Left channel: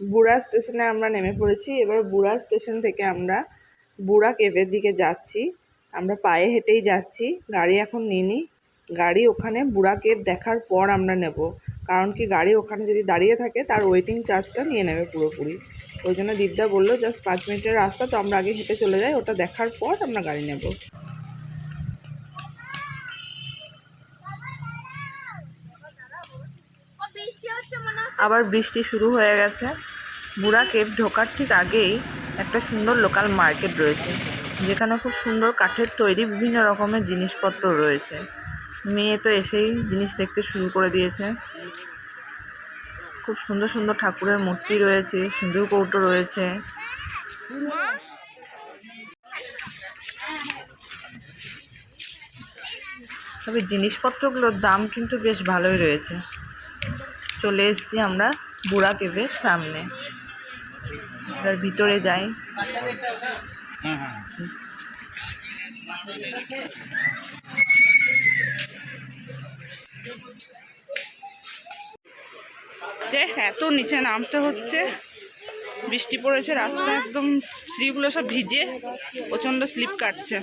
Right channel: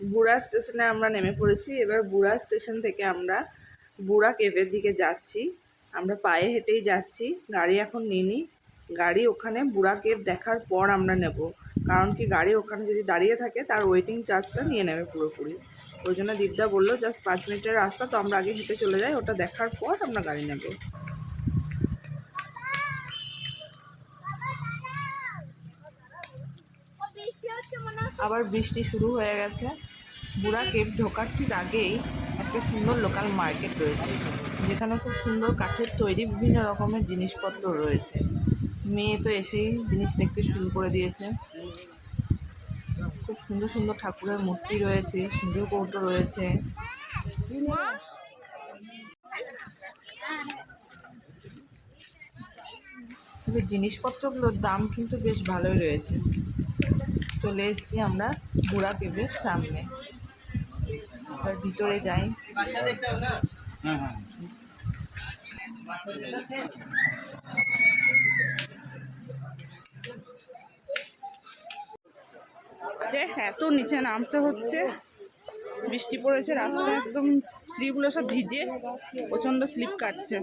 বুড়া স্টেশনে আমরা নেমে পড়েছি। এবার বুড়া স্টেশন থেকে আমরা বুড়া কেভের দিকে যাচ্ছি। আমরা পায়ে হেঁটেই যাচ্ছি। গাড়ি এখন নিইনি। গাড়ি ওখানে বুড়া কেভ দেখার পর আমরা নেব। কারণ কি গাড়ি ওখানে যদি দাঁড়িয়ে থাকে, তার ওয়েটিং চার্জটা নিয়ে নেবে পুরোপুরি। ওই জন্য দীপদা বলল জাস্ট পাঁচ মিনিটের রাস্তা, তো আমরা আগে হেঁটে চলে যাই। ওটা দেখার পর আমরা গাড়ি নেব। আবার বৃষ্টি শুরু হয়ে গেছে। বুড়া কেভ ঢোকার ঠিক আগেই একটা সুন্দর লোকাল মার্কেট রয়েছে, যেখানে খুব সুন্দর কাঠের তৈরি বিভিন্ন রকমের জিনিসপত্র রয়েছে। মেয়ে তো এসেই জিনিস দেখতে শুরু করে দিয়েছে। খুব সুন্দর সুন্দর ঠাকুরের মূর্তি রয়েছে, সিঁদুর কৌটো রয়েছে। তবে জিনিসপত্রগুলোর দাম কিন্তু বেশ ভালোই রয়েছে। চলে এসেছি আমরা বুড়া কেভের সামনে। এবার ভিতরে যাই। যে এত নিচে নামতে হচ্ছে, বৃষ্টি পড়েছে, রাস্তা একদম শ্রীগুলো সব ভিজে, প্রচণ্ড স্লিপ কাটছে।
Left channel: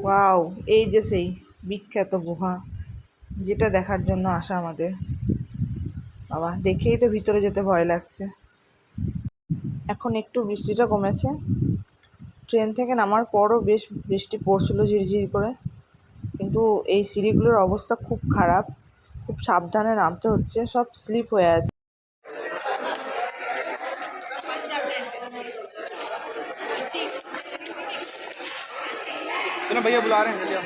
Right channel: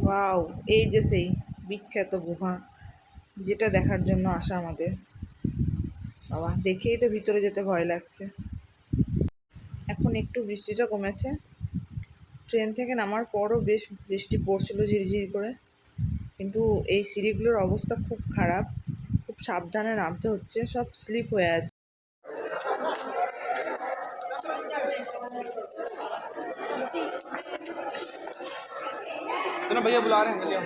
ওয়াও, এই যে সেই বিখ্যাত গুহা, যেটা দেখার জন্য আসা আমাদের। বাবা, দেখেই তো ভিতরে যেতে ভয় লাগছে। এখন একটু বৃষ্টিটা কমেছে। ট্রেন থেকে নামার পরও বেশ বৃষ্টি পড়ছিল ঝিরঝির করে। কিন্তু এই সিঁড়িগুলোর অবস্থা খুব খারাপ। খুব সাবধানে নামতে হচ্ছে, সব স্লিপ হয়ে আছে। चलो भैया बुला रहे हैं भैया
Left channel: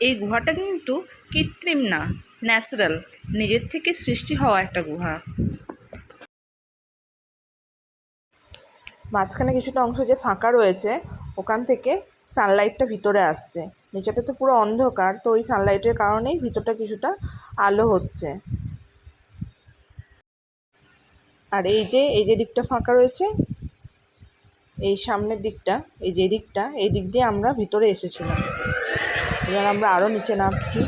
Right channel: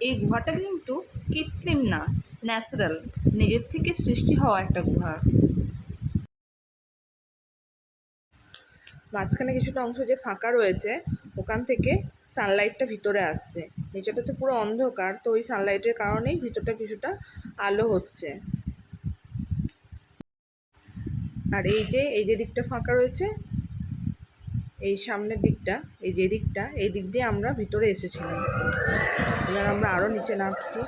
এই গুহাটা কিন্তু কৃত্রিম না ন্যাচারাল নিজের থেকে সৃষ্টি হওয়া একটা গুহা মাঝখানে কিছুটা অংশ যে ফাঁকা রয়েছে ওখান থেকে সানলাইটটা ভিতরে আসছে নিচেটা তো পুরো অন্ধকার তো ওই সানলাইটের কারণেই ভিতরটা কিছুটা আলো হচ্ছে আর এই যে এই যে দিকটা ফাঁকা রয়েছে এই সামনের দিকটা এই যে দিকটা এই দিক দিয়ে আমরা ভিতরে এসেছিলাম। এবার আমরা আরও নিচে নামছি।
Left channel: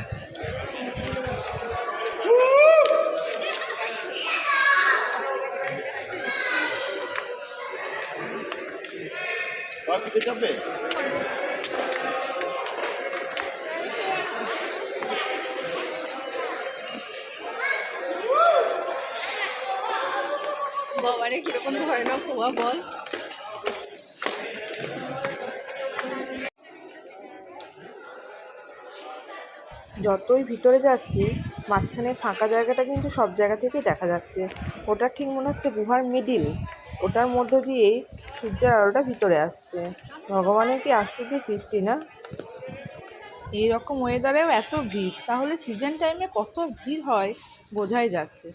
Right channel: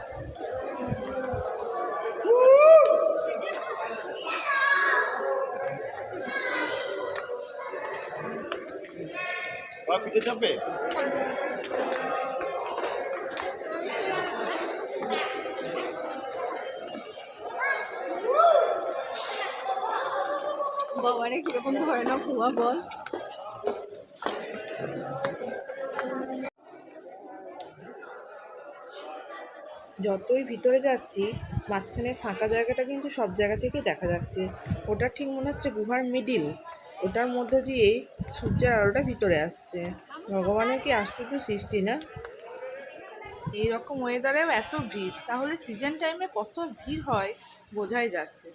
বাবারে কীরকম ধরনের খোয়া বল। যতই ভিতরে যাচ্ছি, মাঝখানে ফাঁকা জায়গাটা কিন্তু সব জায়গা থেকেই দেখা যাচ্ছে। ওটা ঠিক মনে হচ্ছে গুহার মিডিল ওটার মধ্য দিয়েই সূর্যের আলোটা ভিতরে আসছে। ভগবানের কি আশ্চর্য সৃষ্টি না? এই রকম ওয়েদারেও এত ভিড়। তাহলে সিজন টাইমে কত ভিড় হয় বোঝাই যাচ্ছে।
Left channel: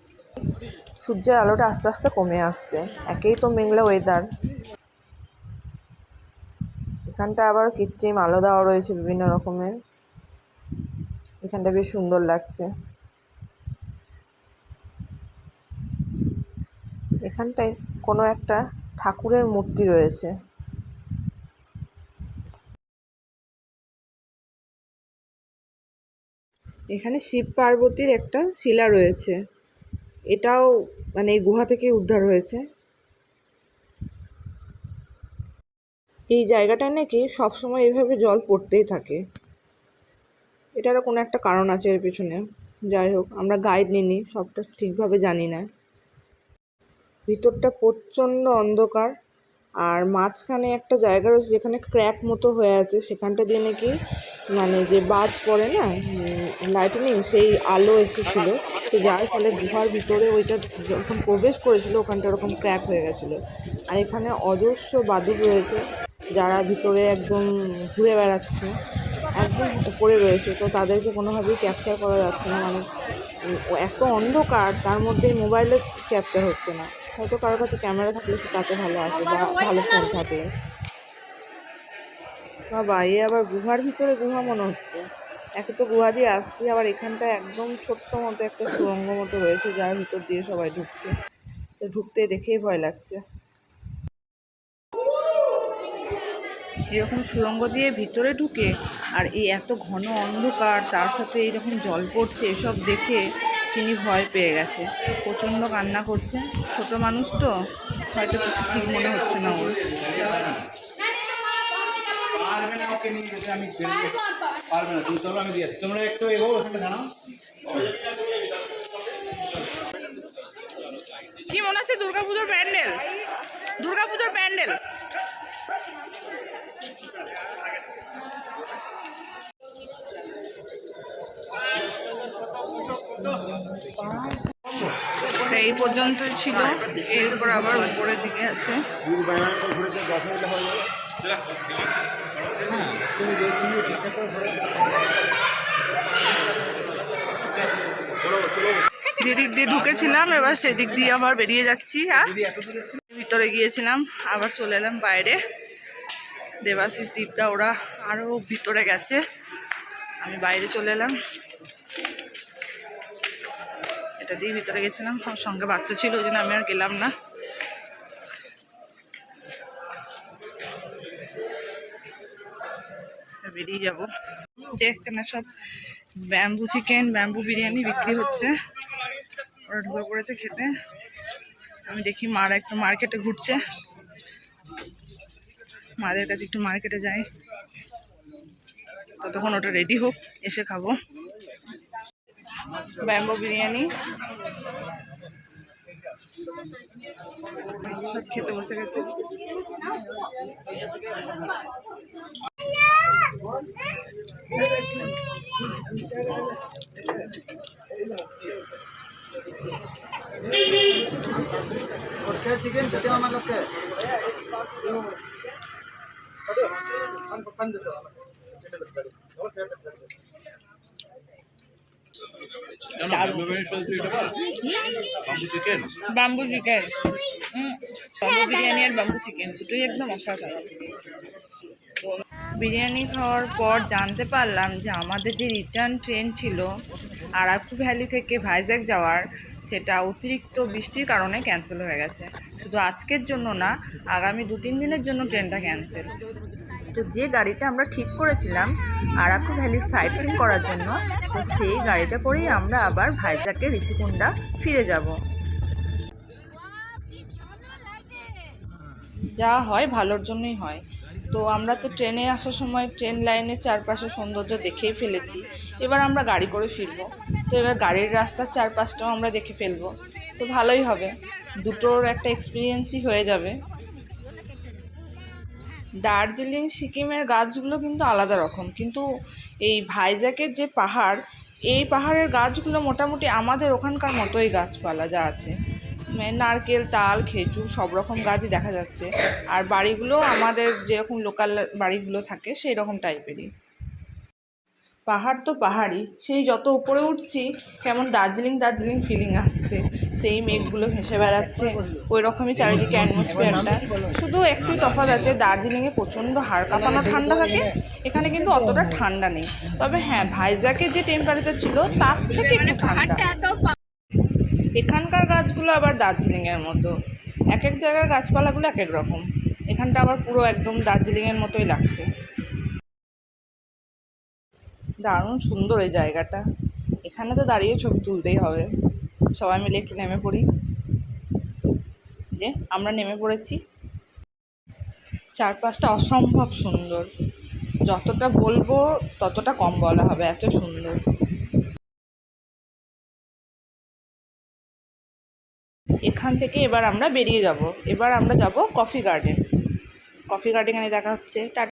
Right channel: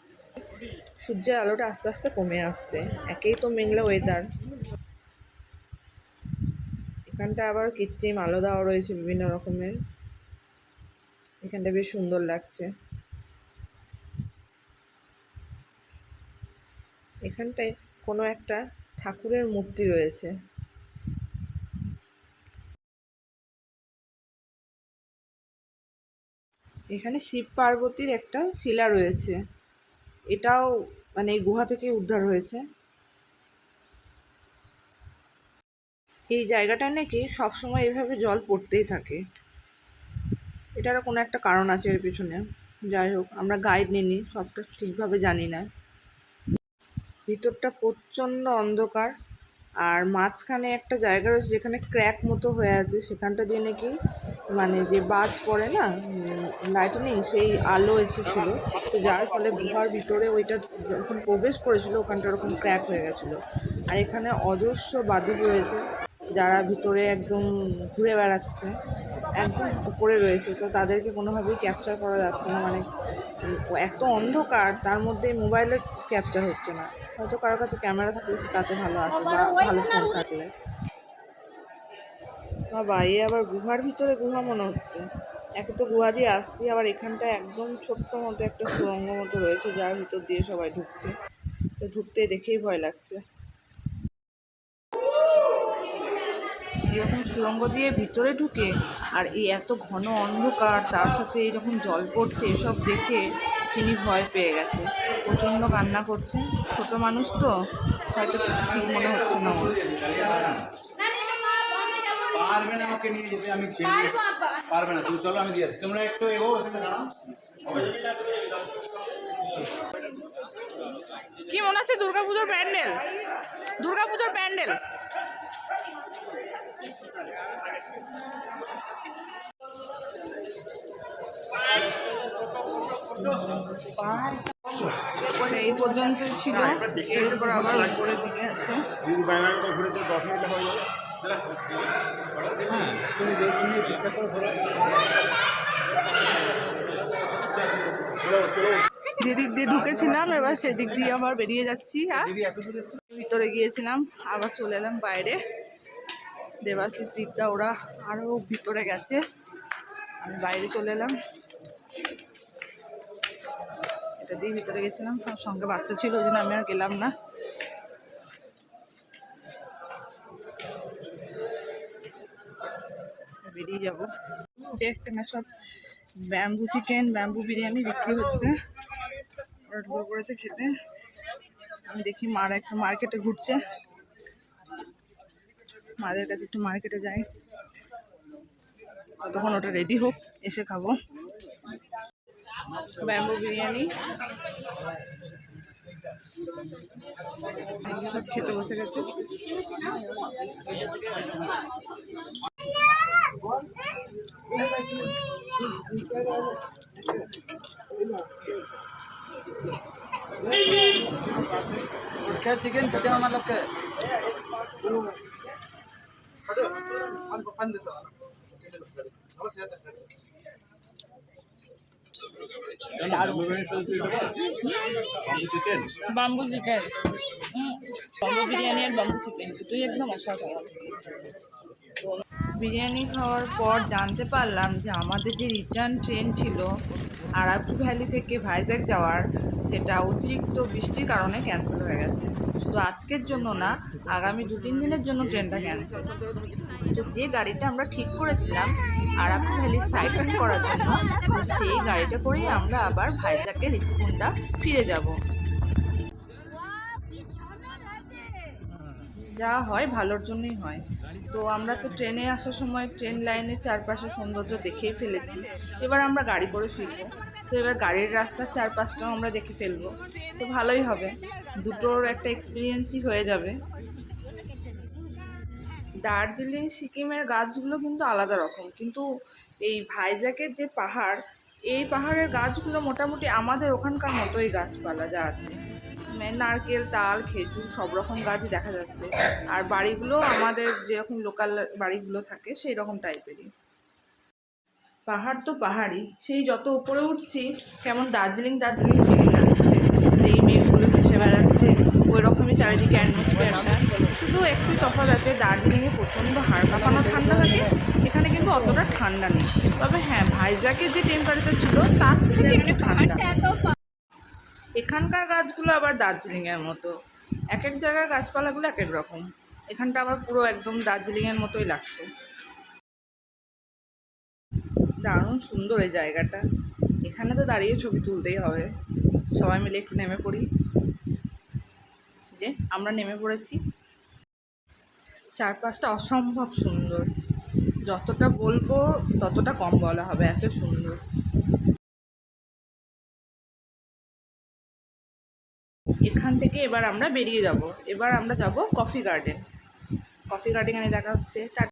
সূর্যের আলোটা আস্তে আস্তে কমে আসছে। একেই তো মেঘলা ওয়েদার এখানটা আবার কৃত্রিম আলো দেওয়া রয়েছে বিভিন্ন রকমের। এখানটা বেশ সুন্দর লাগছে। এখানটায় কোনো একটা ঠাকুরের মূর্তি রয়েছে। এখানে শিব পার্বতীর একটা শিলা রয়েছে। এটাও মানে এই গুহা থেকে উদ্ধার হয়েছে। এই জায়গাটায় নাকি সবসময় এভাবে জল পড়তেই থাকে। এটারও কোনো একটা কারণ আছে এর পিছনে। যাই হোক, আমরা গাইড নিইনি, সবটা ঠিকভাবে জানি না। ভিতরটা প্রচণ্ড অন্ধকার আর মাঝখানে একটা জায়গা রয়েছে যেখানে ক্র্যাক মতো হয়ে আছে। সেখানটা দিয়ে নাকি মানে যে বাজ পড়ে না লাইটনিং সেই আলো এসেছিল। তো যার ফলে গুহার ভিতরে ওইটা যখন প্রবেশ করেছিল, ওখানটা ওরকম ক্র্যাক হয়ে গেছিল। আর এখানে অজস্র বাদুর রয়েছে, যারা ভিতরে একদম ঘুরে বেড়াচ্ছে। একদম উপরে রয়েছে, তো তাদেরকে কোনোভাবেই ক্যাপচার করা যাচ্ছে না। মানে এত অন্ধকার, তার মধ্যে মোবাইলে ক্যাপচার হচ্ছে না। হয়তো কারোর কাছে ক্যামেরা থাকলে সে তাতে ভালো আসে বা ভালো ফোন থাকলে বাবা, এ আবার গুহার ভিতরে গুহা মনে হচ্ছে। একে তো গুহা দিয়ে আসছি, আবার এখানটায় একদম ছোট্ট মতো একটা সুরঙ্গ মতো রয়েছে, যার ভিতর দিয়ে সবাই ঢুকছে। তো ঢুকতে দেখেই ভয় লাগছে। এরকম সুড়ঙ্গ দিয়ে ভিতরে ঢুকে আর এই এত ঘন অন্ধকার তার সাথে এইরকম জল পড়ছে এসব দেখে তিনি ভয় পেয়ে গেছে। প্রচণ্ড কান্না করছে। ছোট মানুষ তো হয়তো কিছু ঠিক মনে হচ্ছে না ওর। পারবে না আমাকে নিয়ে যেতে আমি পারবে না তুমি চলো আমি দিয়ে তোমরা একটু এগো ওখানে দাঁড়াও। কি মনে হচ্ছে দুর্গাপুজোর প্যান্ডেল? দুর্গাপুজোর প্যান্ডেল? এই পর্যন্তই ছিল। এরপর আবার উপরের দিকে আছে। হ্যাঁ যেদিক দিয়ে ঢুকেছিলাম এবার সেদিক দিয়ে আবার বেরিয়ে যাচ্ছি আর ভিতরে গিয়েছিলাম আবার চলে এলাম বাইরে। দেবাশিস দীপদা ওরা আরও ভিতরে গেছে। আমি বাইরে চলে এলাম। এটা দিয়ে ভিতরে গেছিলাম আমার সঙ্গে বাচ্চা ছিল, ওই জন্য আমি আর গেলাম না। বেরিয়ে যাব। যে এখানে সব ব্যাম্বু চিকেন, ব্যাম্বু বিরিয়ানি বিক্রি হচ্ছে। ওরা ঢুকে পড়েছে খেতে। আমি দেখি মারা একটু মার্কেটে ঘুরছে। মাদের কাছে একটু মার্কেটে যাই। ততক্ষণ ওটা রেডি হোক, এসে খাব। ব্যাম্বো বিরিয়ানি সব খেতে বসে গেছে क्या चिकन किती आम्हाला लोक chicken bamboo chicken bamboo biryani আর বাম্বু চিকেন দুটোই একদম অসাধারণ। বিরিয়ানি খাওয়ার পর জানতে পারলাম যে আমাদের যে রিটার্ন ট্রেন ছিল, আরাকু ভ্যালি থেকে ভাইজ্যাক যাওয়ার, সেটা অতিরিক্ত বৃষ্টির কারণে ক্যান্সেল হয়ে গেছে। শুধু আজকের জন্য না, আগামী দু তিন দিনের জন্য ট্রেনটা ক্যান্সেল তো যে গাড়িটা আমরা ঠিক করেছিলাম, আরাকু ভ্যালির সাইট সিন করার জন্য, তো সেই গাড়িটা করেই আমরা আবার ভাইজাকে ঋষিকুণ্ডা ফিরে যাব। যা হয় ভালোর জন্যই হয়। তো আমরা তো ট্রেনে আসার সময় ট্রেন লাইনের চারপাশে সৌন্দর্য দেখেই ফেলেছি। এবার আমরা গাড়ি করে ফিরবো। তো এবার গাড়ির রাস্তার চারপাশটাও আমরা দেখে ফেলব। তো ভালোই হবে। দুটোর একটা এক্সপিরিয়েন্সই হয়ে যাবে। দার্জিলিং, সিকিমের গাছগুলো কিন্তু আলাদা রকম। কিন্তু এই ভাইজ্যাকের যে পাহাড়, এই পাহাড়ের গাছগুলো মোটামুটি আমাদের ওখানকার মতোই গাছপালা যা আছে। মানে নারকেল, তাল, খেজুর সব রকম গাছই দেখা যাচ্ছে। আর বাড়িগুলো আমাদের যেরকম লোকাল বাড়িগুলো থাকে সেই রকম টাইপেরই পাহাড় তো পাহাড়ই, সেই যত উপরে উঠছি, কেমন দার্জিলিং দার্জিলিং ফিলিং আসছে। সেই মেঘগুলো ভেসে বেড়াচ্ছে ওই রকমই চারিদিকে অ্যাটমসফিয়ারটা শুধু একটুই তফাৎ আছে, দার্জিলিংয়ে প্রচণ্ড হাড় কাঁপানো ঠান্ডা থাকে, এখানে কিন্তু অতটা ঠান্ডা নেই। তবে হ্যাঁ ভাইজ্যাকের যে টেম্পারেচার ছিল, তার থেকে একটু ঠান্ডা। এখানকার গাছগুলো আবার দার্জিলিংয়ের মতো। এক এক জায়গার গাছপালাগুলো এক এক রকম। এখানটা আবার পুরো একদম দার্জিলিংয়ের মতোই লাগছে। দারুণ সুন্দর এই জায়গাটা। এখানে তো দাঁড়িয়ে ছবি তুলতেই হবে। সবাই মিলে একটু নেমে পড়ি। যে আমরা নেমে পড়েছি। চারপাশটা অসম্ভব সুন্দর। যতটা বলব ততটা কম বলা হবে, এত সুন্দর। এখান থেকে এবার আমরা বেরিয়ে যাব। এবার আমরা যাব কফি গার্ডেন। কফি গার্ডেনে দেখা হচ্ছে। টাটা